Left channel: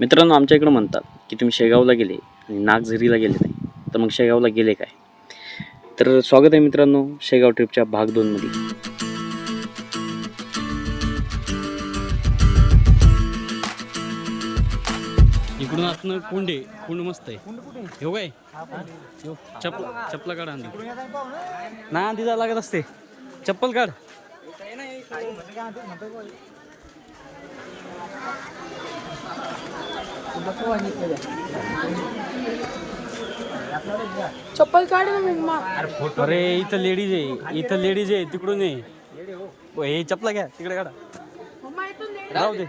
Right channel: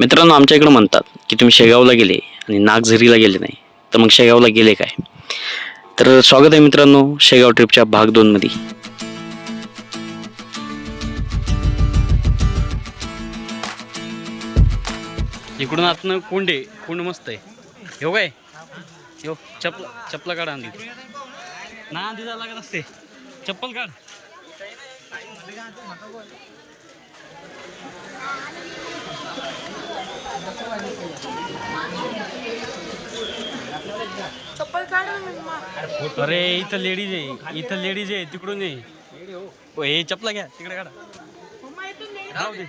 मित्रांनो, आमच्या इकडं म्हणतात की तुम्ही शेगावला गेले आणि नागझरीला गेले नाही तर मग शेगावला गेले काय. तर स्वागत आहे मित्रांनो शेगाव ट्रिपच्या भाग 2 मध्ये. इकडून आतनं कुंड मस्त आहे. हो काय यो चप्पला काढ आंधी ना, आंधी जा लागत असते. चप्पल काढ. चप्पल काढ. अरे इथं लेडीज आहे तिकडून ये. हे चपला घ्या तिकडे काढा. राहू दे.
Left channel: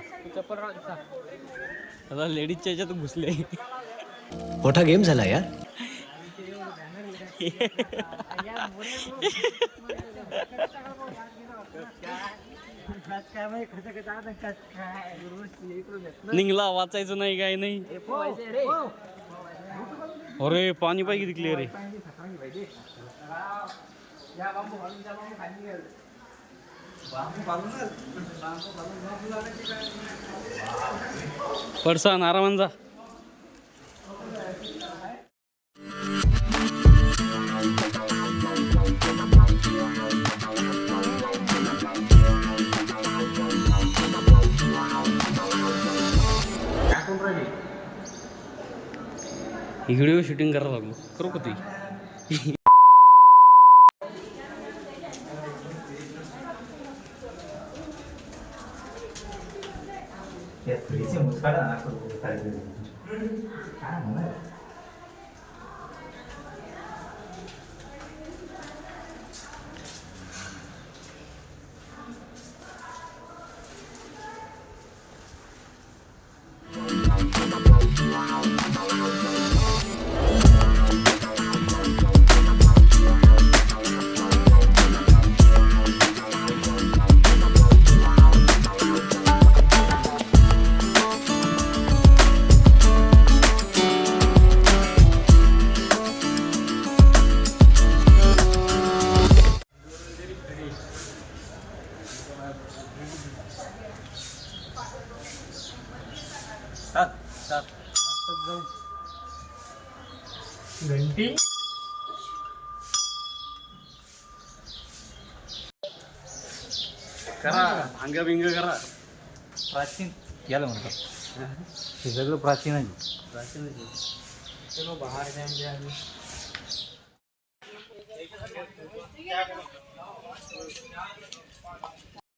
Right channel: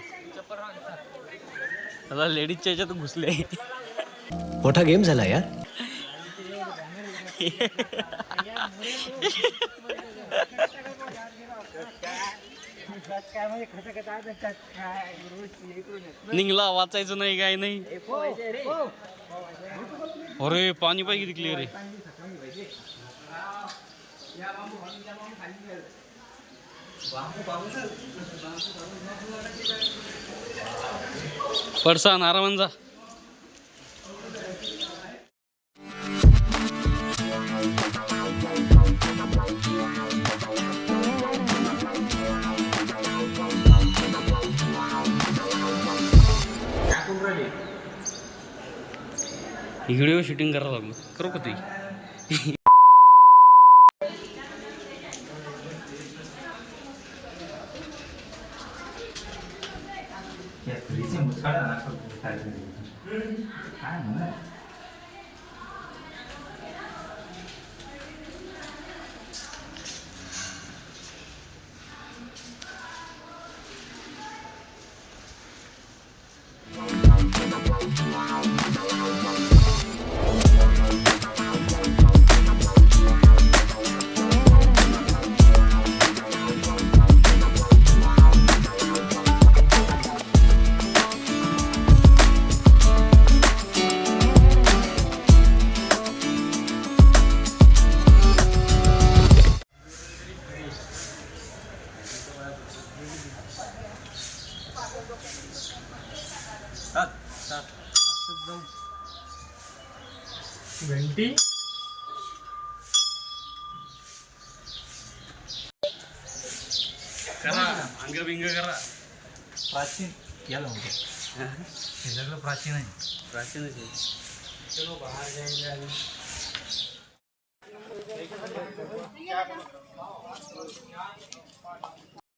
आता लेडीजच्या याच्यात घुसले. मोठा गेम झाला यार. निघला वाचायचं नाही काय नाही. अरे पाणी पाहिजे तिकली. अरे पडसान आरामान जा. व्हिडिओ शूटिंग करायला लागलो. करू का तुझी. घंटी करा अंगबिंग करा. प्राचीन याला म्हणतात. हे सगळं प्राचीन आहे. प्राचीनच आहे. चलो बाहेर जाएंगे.